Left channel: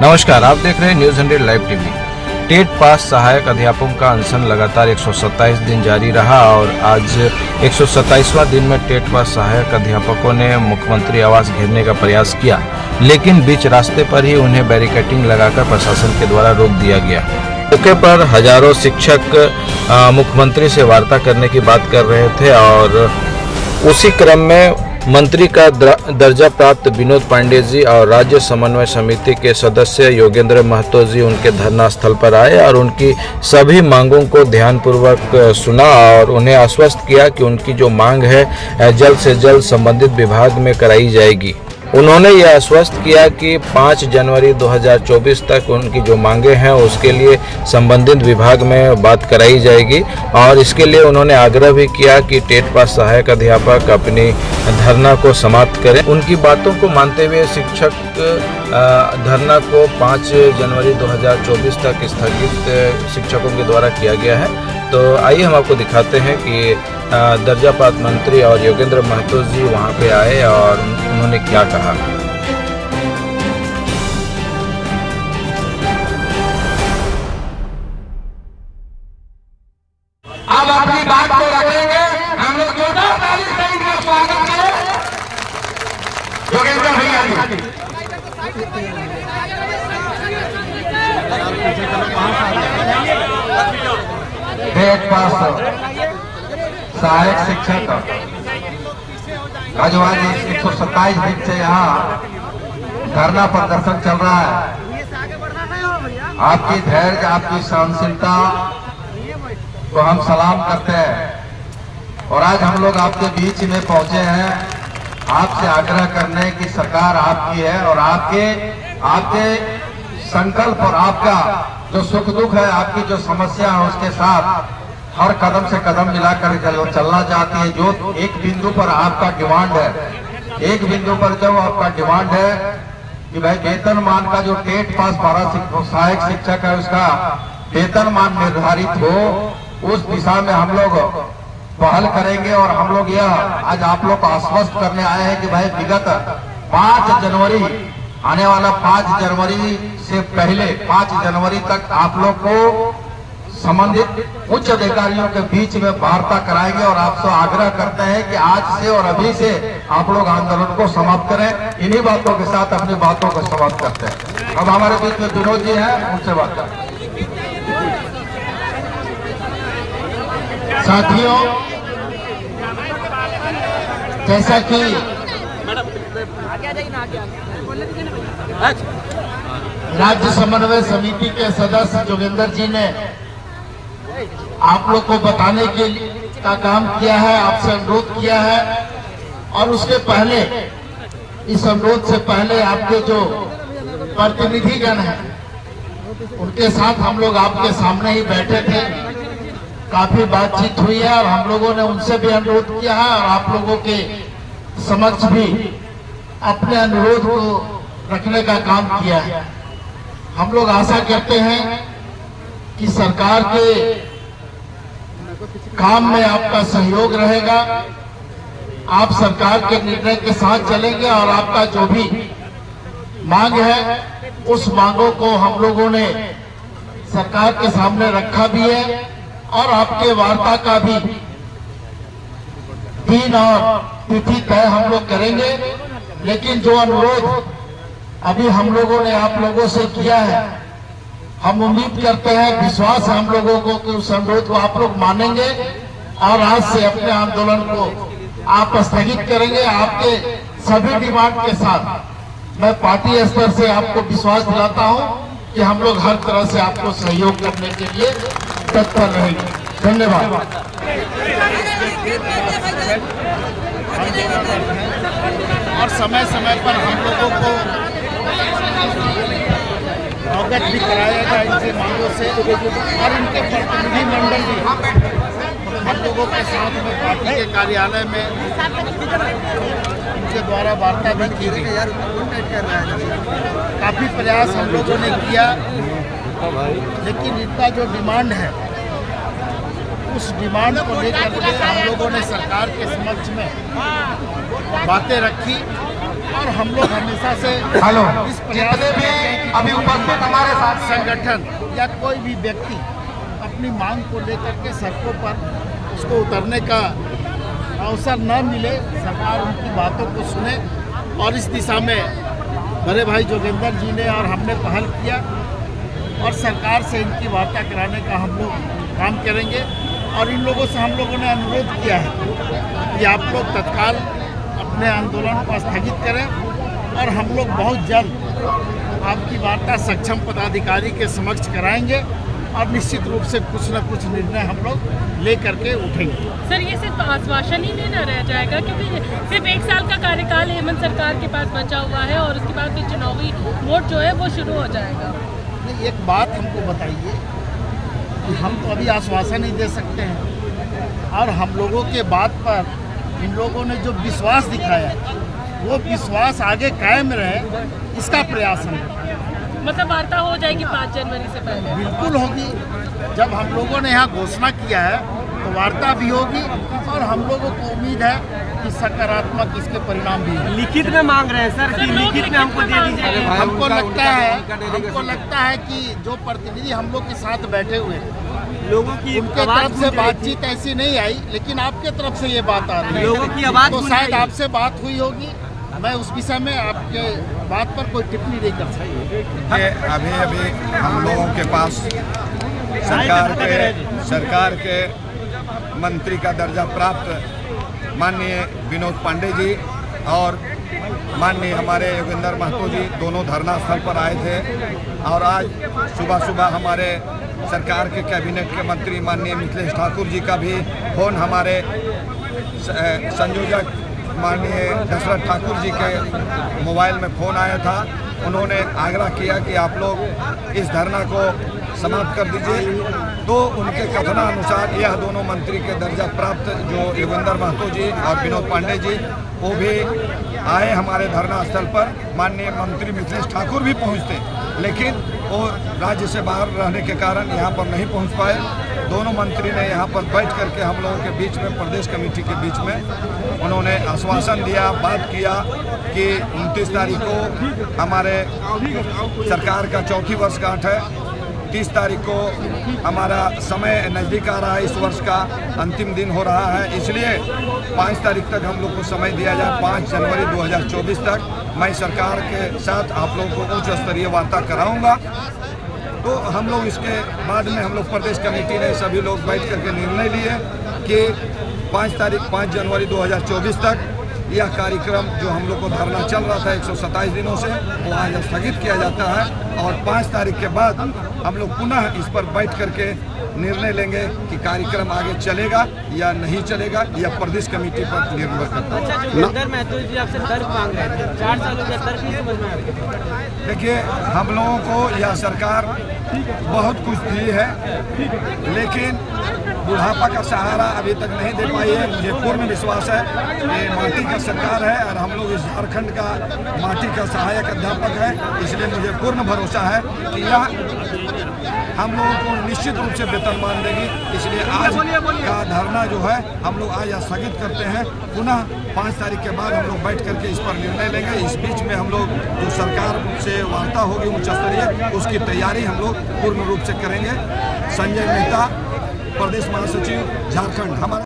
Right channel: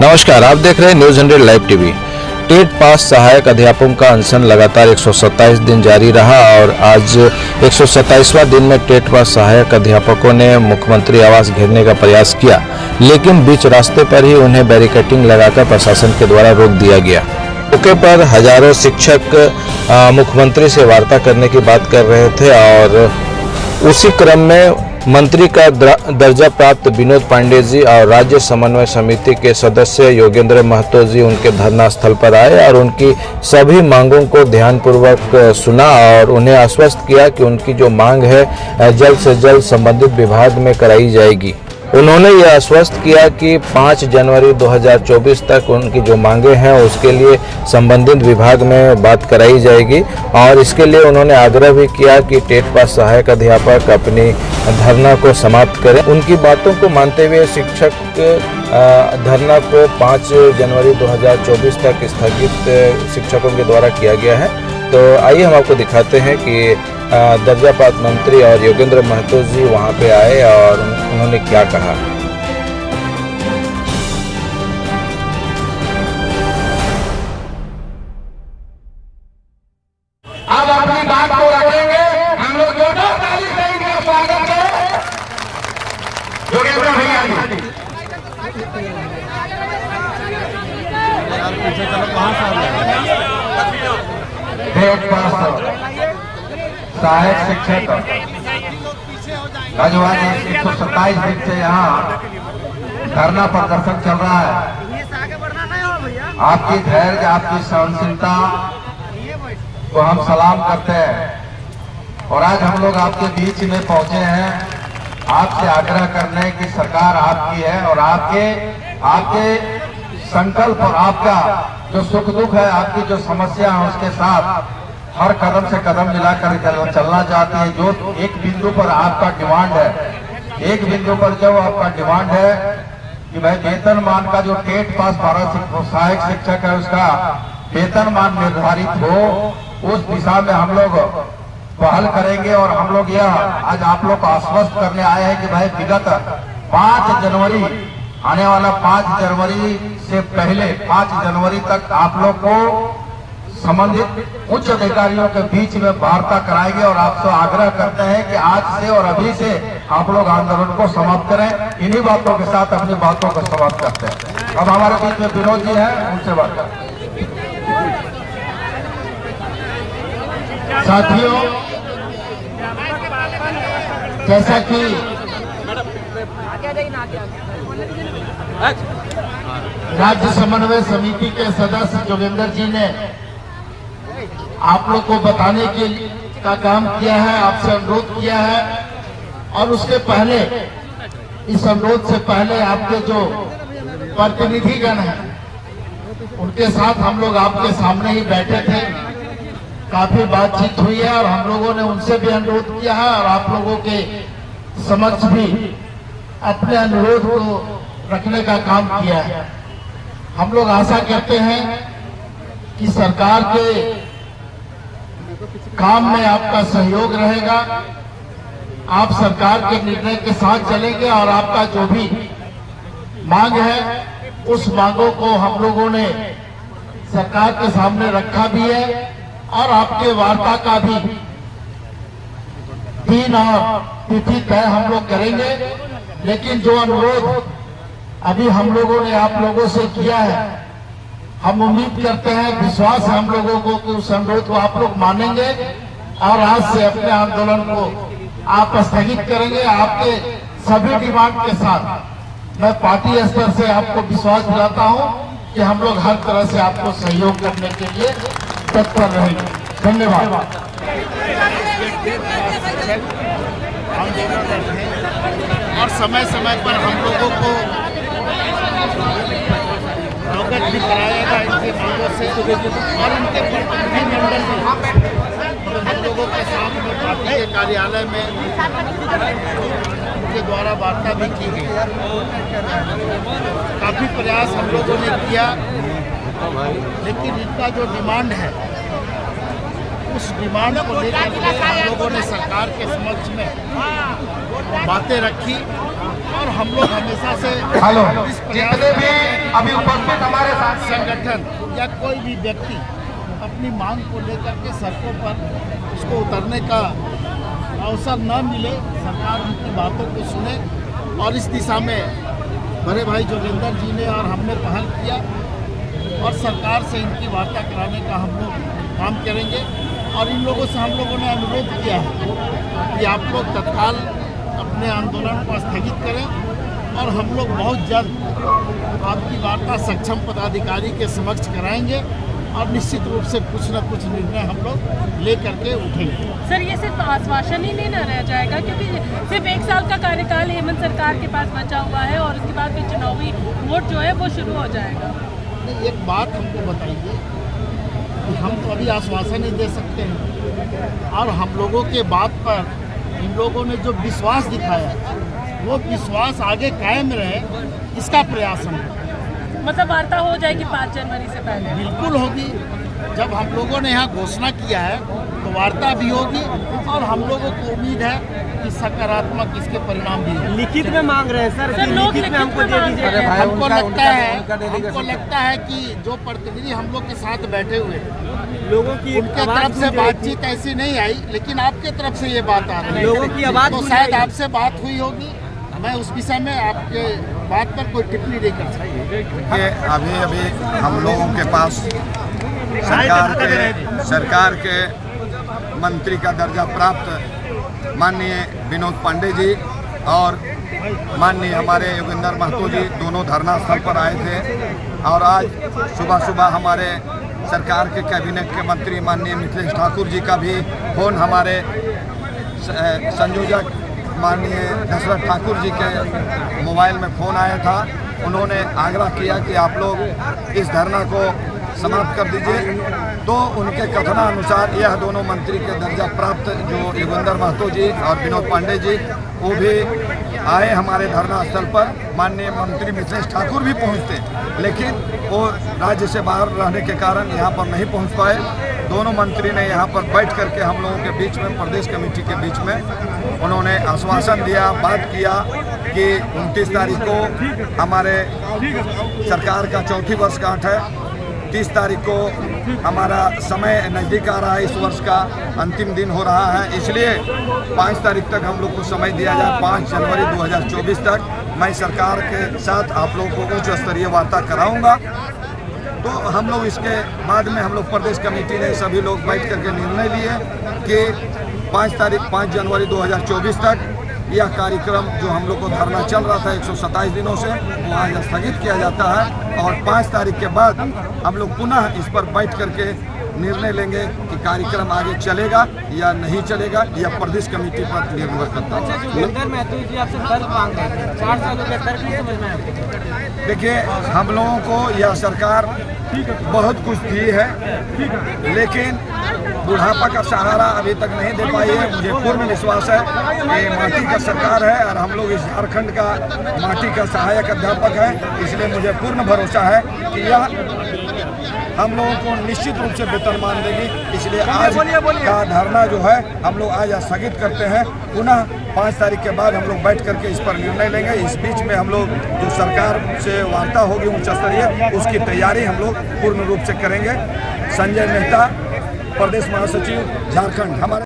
नमस्कार, आप देख रहे हैं news 100 live TV. TET pass सहायक अध्यापकों का अनशन लगातार 127 दिन जारी रहा और आज 127वां दिन में टेट पास सहायक अध्यापकों ने मुख्यमंत्री आवास घेरने का प्रयास किया, लेकिन बीच रास्ते पर ही उन्हें बैरिकेडिंग लगाकर प्रशासन के द्वारा रोक दिया गया। मौके पर हजारों शिक्षक मुख्यमंत्री से वार्ता करने की बात कर रहे थे और उसी क्रम में मंत्री का दर्जा प्राप्त विनोद पांडे जी और राज्य समन्वय समिति के सदस्य योगेंद्र महतो जी उनके धरना स्थल पर आए और उनकी सभी मांगों को ध्यानपूर्वक सुना और उन्हें आश्वस्त किया कि उनकी जो मांग है जल्द से जल्द संबंधित विभाग में कराई जाएगी। उन्होंने यह आश्वस्त किया कि 5 जनवरी 2024 तक उनकी जो मांगे हैं उसके लिए संबंधित विभाग में बात कराई जाएगी और इसके लिए उन्होंने आग्रह भी किया कि टेट पास सहायक अध्यापक अपनी धरना को समाप्त करें। उनकी बातों को मानते हुए शिक्षक धरना को 5 जनवरी 2024 तक स्थगित शिक्षकों के द्वारा किया गया है। तो आइए हम आपको दिखाते हैं कि दर्जा प्राप्त मंत्री और योगेंद्र महतो जी वहां पे आए और उन्होंने क्या कहा। अब अपनी बात को रखेंगे, हम लोग जोरदार ताली से इनका स्वागत करें। योगेंद्र भैया जी टेट पास सहायक शिक्षक आज 127 दिन से यहाँ धरना प्रदर्शन चल रहा है। आपकी धैर्य, आपकी सहनशीलता को हम सलाम करते हैं और आज हम लोग आपके बीच में पहुंचे हैं आपसे आग्रह करने की सरकार आपकी है और आपके संकल्प और आपका जो सुख दुख है, आपकी जो समस्या है उसके साथ हर कदम से कदम मिलाकर चलना चाहती है। जो एक बिंदु पर आपका डिमांड है, एक बिंदु पर जो आपका डिमांड है कि भाई वेतनमान का जो टेट पास 12 सहायक शिक्षक है उसका वेतनमान निर्धारित हो, उस दिशा में हम लोग पहल करेंगे और हम लोग यह आज आप लोग को आश्वस्त करने आए हैं कि भाई विगत 5 जनवरी आने वाला 5 जनवरी से पहले 5 जनवरी तक आप लोग को संबंधित उच्च अधिकारियों के बीच में वार्ता कराएंगे और आपसे आग्रह करते हैं कि आज से और अभी से आप लोग आंदोलन को समाप्त करें। इन्हीं बातों के साथ अपनी बातों को समाप्त करते हैं। अब हमारे बीच में विनोद जी हैं, उनसे बात करें। साथियों, जैसा कि राज्य समन्वय समिति के सदस्य योगेंद्र जी ने आप लोग को बताने के लिए का काम किया है, आपसे अनुरोध किया है और उसके पहले, इस अनुरोध से पहले आपके जो प्रतिनिधिगण हैं उनके साथ हम लोग आपके सामने ही बैठे थे। काफी बातचीत हुई है और हम लोगों ने उनसे भी अनुरोध किया है और आप लोगों के समक्ष भी अपने अनुरोध को रखने का काम किया है। हम लोग आशा करते हैं कि सरकार के काम में आपका सहयोग रहेगा, आप सरकार के निर्णय के साथ चलेंगे और आपका जो भी मांग है उस मांगों को हम लोगों ने सरकार के सामने रखा भी है और आपके वार्ता का भी दिन और तिथि तय हम लोग करेंगे। लेकिन जो अनुरोध अभी हम लोगों ने आप लोगों से किया है, हम उम्मीद करते हैं, विश्वास है हम लोगों को कि उस अनुरोध को आप लोग मानेंगे और आज से अपने आंदोलन को आप स्थगित करेंगे। आपके सभी डिमांड के साथ मैं पार्टी स्तर से आपको विश्वास दिलाता हूं कि हम लोग हर तरह से आपको सहयोग करने के लिए तत्पर रहेंगे। धन्यवाद। और समय समय पर हम लोगों को अवगत भी कराएगा इनसे मांगों से और इनके प्रतिनिधिमंडल भी हम लोगों के साथ में पार्टी के कार्यालय में उनके द्वारा वार्ता भी की गई। काफी प्रयास हम लोगों ने किया, लेकिन इनका जो डिमांड है उस डिमांड को लेकर के हम लोगों ने सरकार के समक्ष में बातें रखी और हम लोग हमेशा से इस प्रयास में अभी उपस्थित हमारे साथ संगठन या कोई भी व्यक्ति अपनी मांग को लेकर के सड़कों पर उसको उतरने का अवसर न मिले, सरकार उनकी बातों को सुने और इस दिशा में बड़े भाई जोगेंद्र जी ने और हमने पहल किया और सरकार से इनकी वार्ता कराने का हम लोग काम करेंगे। और इन लोगों से हम लोगों ने अनुरोध किया है कि आप लोग तत्काल अपने आंदोलन को स्थगित करें और हम लोग बहुत जल्द आपकी वार्ता सक्षम पदाधिकारी के समक्ष कराएंगे और निश्चित रूप से कुछ न कुछ निर्णय हम लोग ले करके उठेंगे। सर, ये सिर्फ आश्वासन ही नहीं रह जाएगा क्योंकि सिर्फ 1 साल का कार्यकाल हेमंत सरकार के पास बचा हुआ है और उसके बाद फिर चुनावी वोट जो है वो शुरू हो जाएगा। नहीं, एक बात हमको बताइए कि हम तो अभी आश्वासन नहीं दे सकते हैं और हम लोगों के बात पर इन लोगों ने जो विश्वास दिखाया वो विश्वास आगे कायम रहे, इसका प्रयास हम मतलब वार्ता हो जाएगी 5 जनवरी से पहले? बिल्कुल होगी। जब हम लोगों ने यहाँ घोषणा किया है तो वार्ता भी होगी और हम लोगों को उम्मीद है कि सकारात्मक इसके परिणाम भी होंगे। लिखित में मांग रहे हैं सर, लिखित में हमको दे दीजिए। हमको लगता है कि जो प्रतिनिधि हम लोग के साथ बैठे हुए लोगों की उनके तरफ से बातचीत ऐसी नहीं आई, लेकिन आपके तरफ से ये बात आ रही लोगों की है आवाज तो शायद आपसे बात हुई होगी। मैं उस विषय में आपके बात पर कोई टिप्पणी नहीं कर सकता। अभी हम लोगों के पास सरकार के मंत्री का दर्जा प्राप्त माननीय विनोद पांडे जी और माननीय हमारे योगेंद्र महतो जी दोनों धरना स्थल पर आए थे और आज सुबह सुबह हमारे सरकार के कैबिनेट के मंत्री माननीय मिथिलेश ठाकुर जी का भी फोन हमारे संयोजक माननीय दशरथ ठाकुर जी के मोबाइल में फ़ोन आया था। उन्होंने आग्रह किया कि आप लोग इस धरना को समाप्त कर दीजिए। तो उनके कथनानुसार यह दोनों मंत्री के दर्जा प्राप्त जो योगेंद्र महतो जी और विनोद पांडे जी वो भी आए हमारे धरना स्थल पर। माननीय मंत्री मिथिलेश ठाकुर भी पहुंचते, लेकिन वो राज्य से बाहर रहने के कारण यहाँ पर नहीं पहुँच पाए। दोनों मंत्री ने यहाँ पर बैठ करके हम लोगों के बीच में, प्रदेश कमेटी के बीच में उन्होंने आश्वासन दिया, बात किया कि 29 तारीख को हमारे सरकार का 4थी वर्षगांठ है। 30 तारीख को हमारा समय नज़दीक आ रहा है, इस वर्ष का अंतिम दिन हो रहा है, इसलिए 5 तारीख तक हम लोग को समय दिया जाए। 5 जनवरी 2024 तक मैं सरकार के साथ आप लोगों को उच्च स्तरीय वार्ता कराऊंगा। तो हम लोग इसके बाद में हम लोग प्रदेश कमेटी ने सभी लोग बैठ करके निर्णय लिए कि 5 जनवरी 2024 तक यह कार्यक्रम जो हम लोग को धरना चल रहा था 127 दिनों से, वो आज स्थगित किया जाता है और 5 तारीख के बाद हम लोग पुनः इस पर बैठ करके निर्णय लेंगे कि कार्यक्रम आगे चलेगा या नहीं चलेगा, या प्रदेश कमेटी पर निर्भर करता है। देखिए, हम लोगों को यह सरकार बहुत कुछ दी है, लेकिन बुढ़ापा का सहारा अभी तक नहीं दे पाई है। मुझे पूर्ण विश्वास है ये माटी का सरकार है और हम लोग इस झारखंड का माटी का सहायक अध्यापक है, इसलिए मुझे पूर्ण भरोसा है कि यह हम लोगों को निश्चित रूप से वेतनमान देगी। इसलिए आज का धरना जो है हम लोग आज स्थगित करते हैं। पुनः 5 तारीख के बाद हम लोग बैठ करके इस पर निर्णय लेंगे। इस बीच में हम लोग जो सरकार से वार्ता होगी उच्च स्तरीय, उसकी तैयारी हम लोग पूर्ण रूप से करेंगे। संजय मेहता, प्रदेश महासचिव, झारखंड। हमारे